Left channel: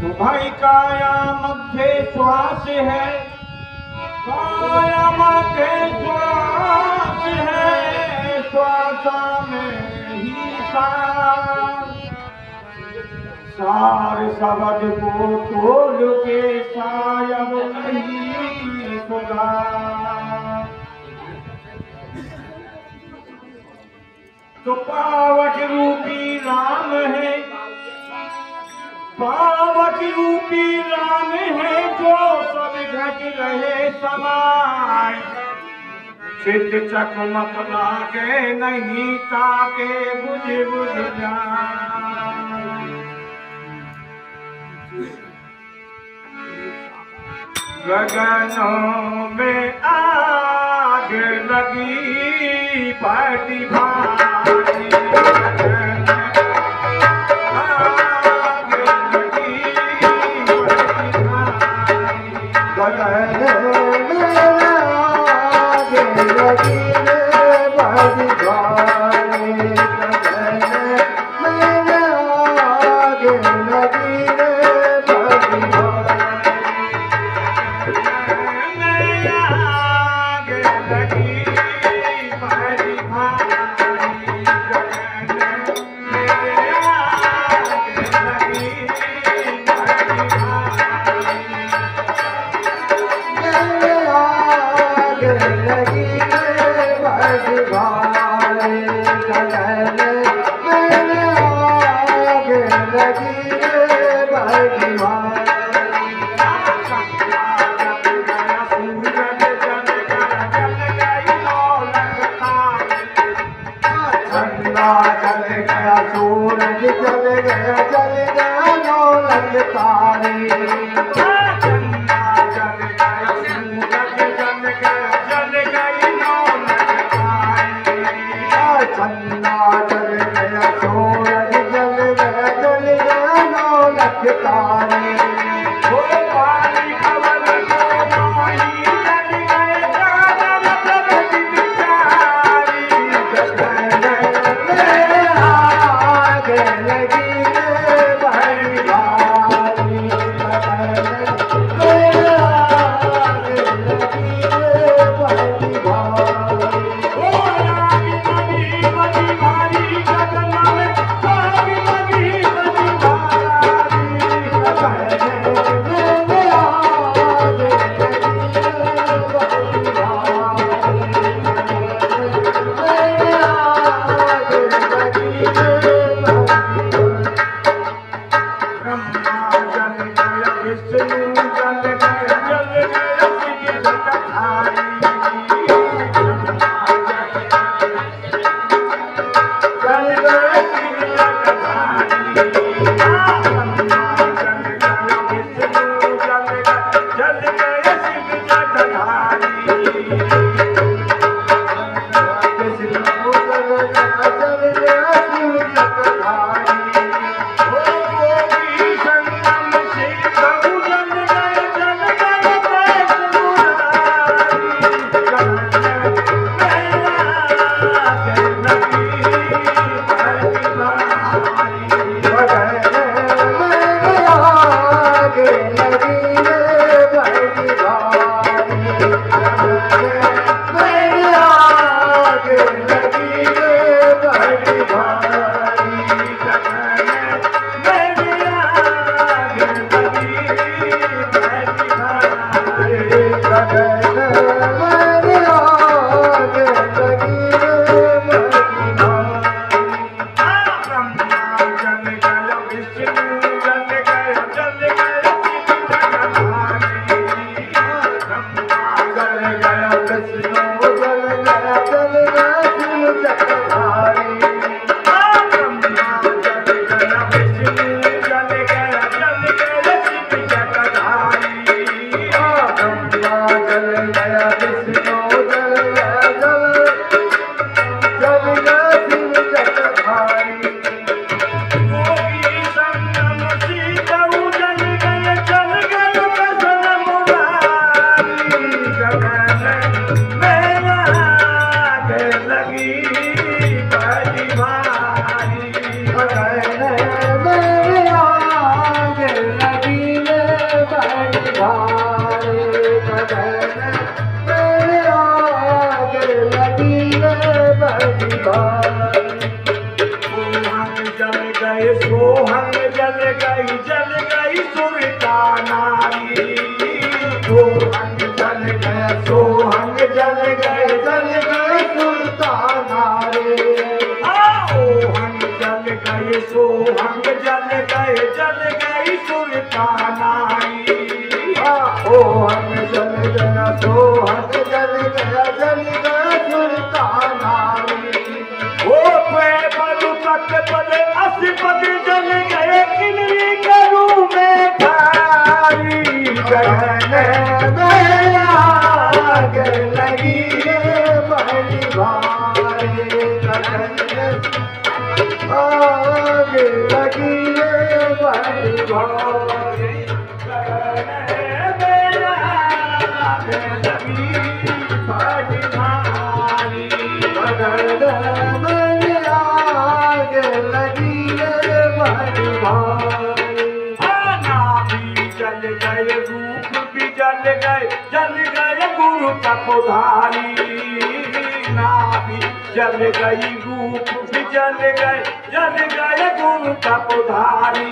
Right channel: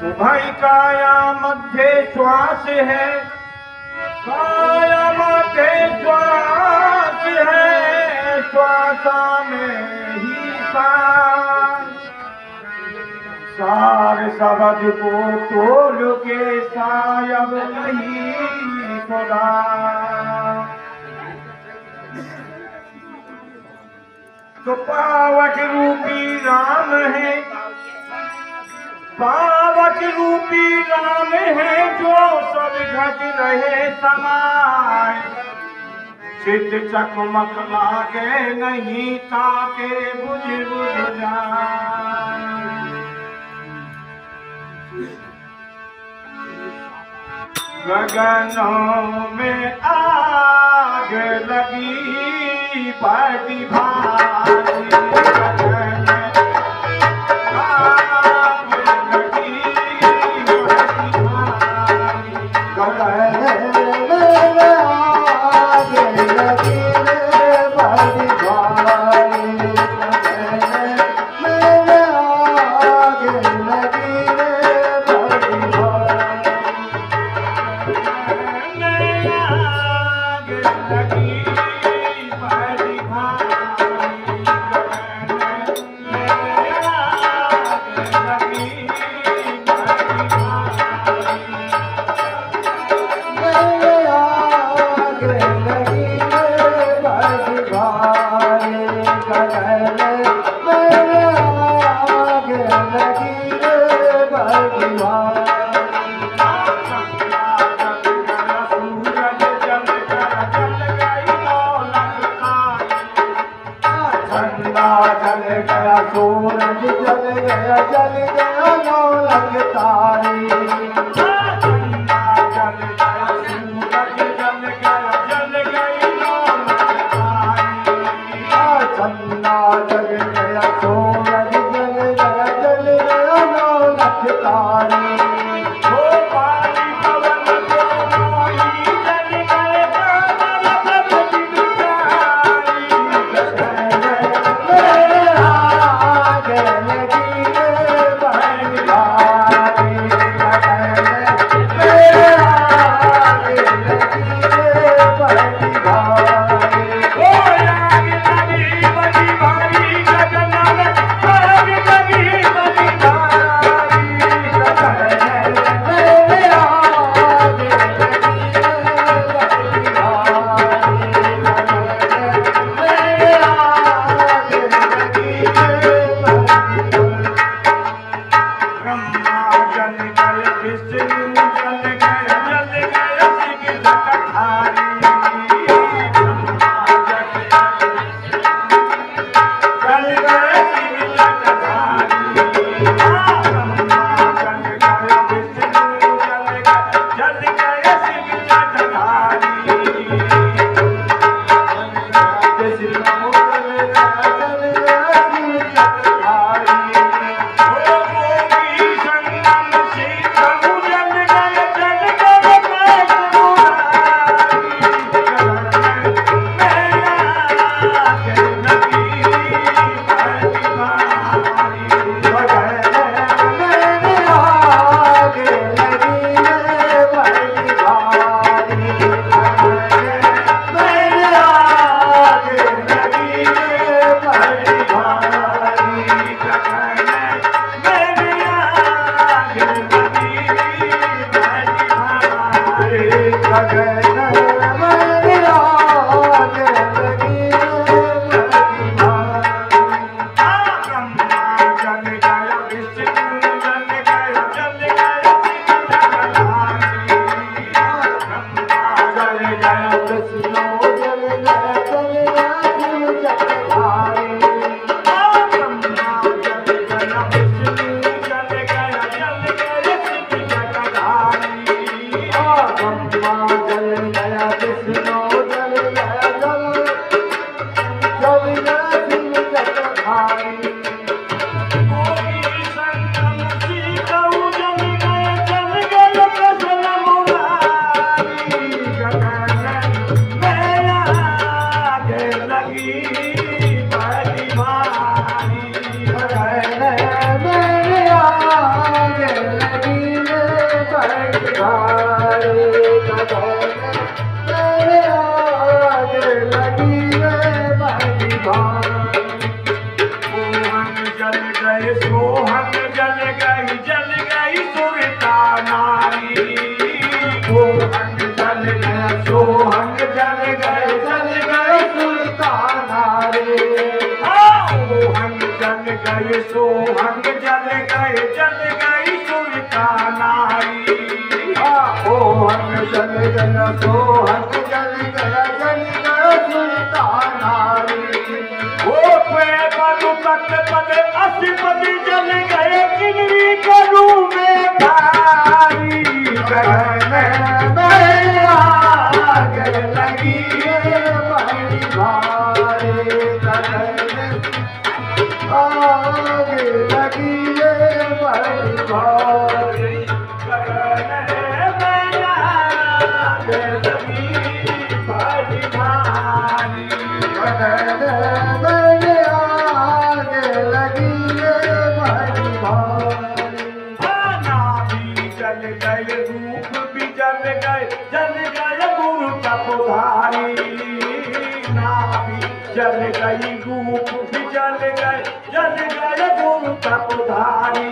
तुम्हारी काया मध्य श्वास है, काया मध्य श्वास है, श्वासा में ही सार शब्द को तोल के सायब नहीं सदा। तो पावक रूपी राम है, पावक रूपी राम है, जो सब घट रहे समाय। चित चकमक लागे नहीं ताके बुझ बुझ जाए। गगनों में आग लगी बड़ी भारी, गगन आग लगी बड़ी भारी, गगन में आग लगी बड़ी भारी, गगन में आग लगी बड़ी भारी। जल गई सुरता नारी। सोहन जल गया सोहन जल गए सुरता नारी। ओहन जल गए सोहन जल गई सुरता नारी। ओहन जल गया सोहन जल गया सुरता नारी। ओ पे बलु तक पद असी पद जल गए किनरी करू में धारी। गगन में आग लगी बड़ी भारी। गगन आग लगी बड़ी भारी। गगन में आग लगी बड़ी भारी। जल गए रूप भी जल गए गुरु तपोधारी। नाभि जल गई रूप भी जल गए गुरु तपोधारी।